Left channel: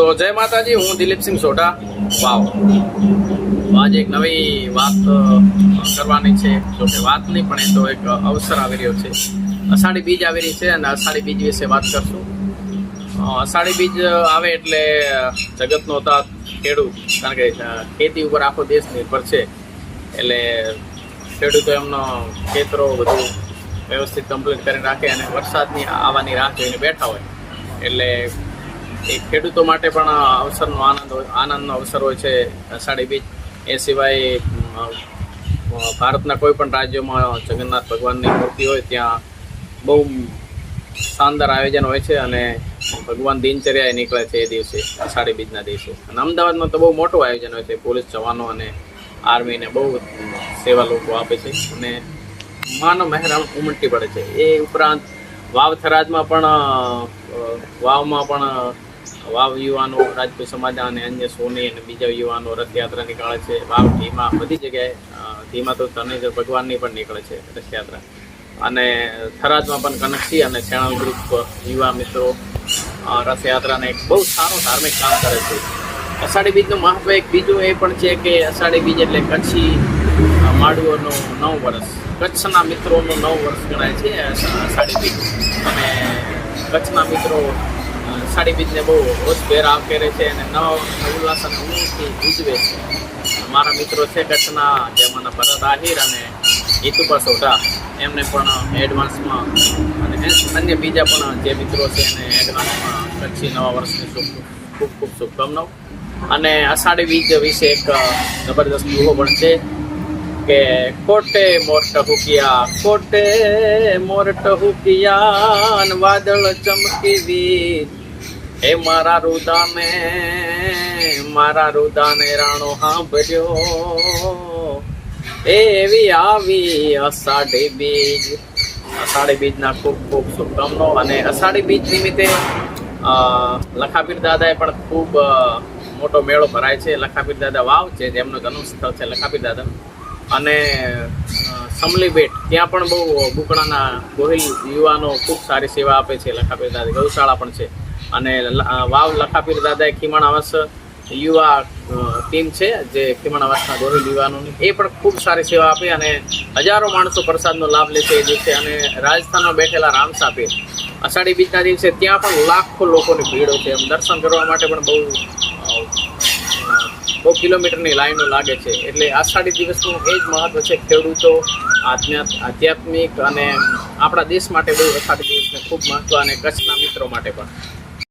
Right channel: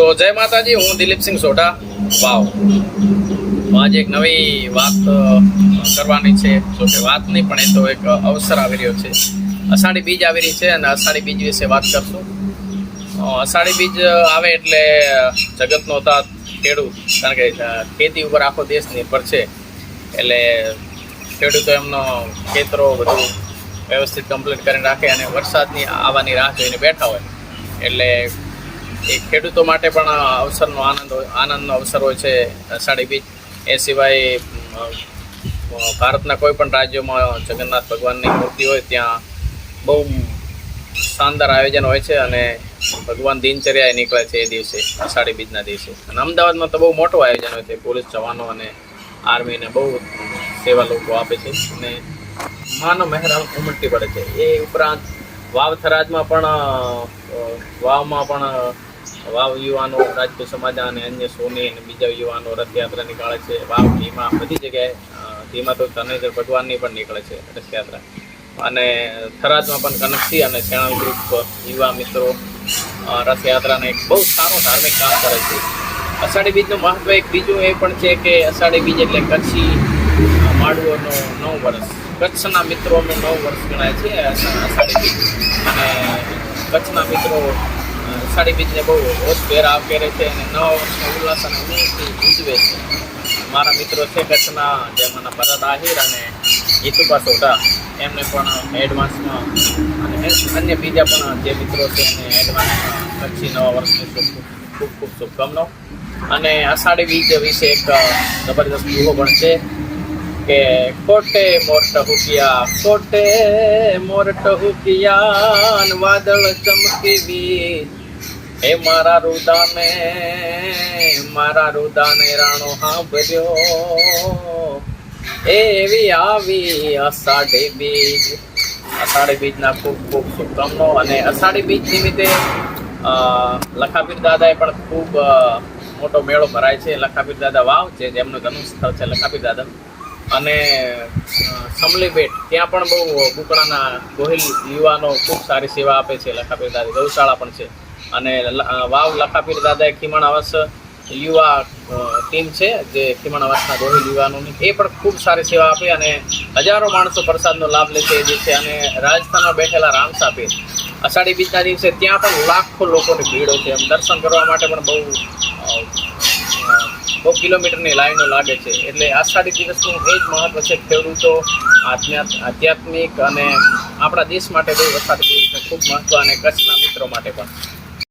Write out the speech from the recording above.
તો જય માતાજી, હું દિલીપસિંહ સોઢા વાવ. આજે એક નવી વાત કરવાની છે. જો કે વાત નહીં, પણ એ તો એક અવસર આવી રહ્યો છે. અષાઢી બીજ આવી રહી છે અને અષાઢી બીજ વિશે વાત કરશું. અષાઢી બીજ આવે એટલે જગતનો તાત ખેડૂત, કારણ કે ખેતી ઉપર આખો દેશ નિર્ભર છે. એટલે ખેડૂતો એમનો ખેતરો બધું વ્યવસ્થિત કમ્પ્લીટ કરીને રાખે અને વરસાદની આવવાની રાહ જોઈને બેઠા હોય. એટલે એ ખેડૂતો માટે પણ અવસરનો આનંદનો અવસર હોય છે અષાઢી બીજ. એ સિવાય ભારતના કોઈ પણ રાજ્યોમાં જગન્નાથ ભગવાનની મૂર્તિ હોય ત્યાં બહુ શાનદાર આયોજન હોય છે અને ભગવાન દિનચર્યાએ નીકળે છે એ દિવસે, અષાઢી બીજના દિવસે. અને અમદાવાદમાં તો બહુ મોટું આયોજન હોય છે. પોલીસ જવાનો અને આર્મીને બહુ સેવા લોકો આપે છે અને માનો મહેરામ ઉમટી પડે છે. એ ઉપરાંત વાવ થરાદમાં પણ વાવમાં પણ વાવ યુવાનો, રાજપૂત સમાજ અને અન્ય સોની અને બીજા યુવાનો રથયાત્રા નીકળે છે. વાવ ધીમા બધી જગ્યાએ ધીમા તો ધનેશ્વર ભગવાનની પણ નીકળે છે રથયાત્રા. અને થરાદમાં પણ કનકસિંહ અને સેણલ ગ્રુપ યુવા મિત્રો રથયાત્રાને એક બહુ સારું ધાર્મિક કામ કરે છે. અષાઢી બીજનું મહત્વ એક બીજું એ પણ છે કે અષાઢી બીજ એટલે કચ્છી માડુઓનું 9 વર્ષ, કચ્છના મિત્રોનું 9 વર્ષ ગણાય છે અષાઢી બીજ. અને કચ્છના મિત્રો અષાઢી બીજને બહુ હોશભેર આવકારે છે અને નવા વર્ષના ઉલ્લાસ અને ઉમંગથી ઉજવે છે. મારા મિત્રો છે કચ્છના, જેમાંના ભરત આહિર અને હિતુભા સોઢા, એમને પણ એડવાન્સમાં અને અન્ય બીજા પણ જે મિત્રો છે એને એડવાન્સમાં કચ્છી નવા વર્ષની ખૂબ ખૂબ શુભકામનાઓ. અને અષાઢી બીજ વિશે એક જબરદસ્ત દુહો પણ છે કે કોટે મોરટ હુકિયા, કોટે મોરટ હુકિયા, વાદળ ચમકી બીજ, હે મારા રુદાને રાણો હાંભર્યો, એવી આવી અષાઢી બીજ. અષાઢી બીજના ખૂબ ખૂબ શુભકામનાઓ. અને અષાઢી બીજ નિમિત્તે લખાપીર દાદાએ પણ ખૂબ મોટો મેળો ભરાય છે. લખાપીર દાદા વાવ છે, જેમનું જન્મ સ્થળ છે લખાપીર દાદા. અને સમલી બેટ, ત્યાં પણ બહુ બુકણાના ગોહિલ યુવાનો ખૂબ સારી સેવા આપે છે. લખાપીર દાદા ગૌશાળા પણ છે. અને વાવ લખાપીર દાદાએ ખીમણ આવાસ યુવા ટીમ છે, જે ખીમણ આવાસના ગોહિલ યુવાનોની, એ પણ ખૂબ સારી સેવા આપે અને હજારો માણસો પ્રસાદનો લાભ લે છે એ દિવસે. અને રાજસ્થાનમાં બેઠેલા રામસા પીર અષાઢી બીજના દિવસે ત્યાં પણ લાખો લોકોની ભીડ હોય છે. એમ દર્શન કરવા માટે પણ બહુ કિલોમીટરની લાઈનો લાગે છે. એટલે અષાઢી દિવસનું એ જ મહત્વ છે. ખેડૂતો, આધ્યાત્મિક અને આપણા દેશ માટે બહુ અષાઢી દિવસનું ખૂબ મહત્વ, અને કચ્છના મિત્રો માટે પણ.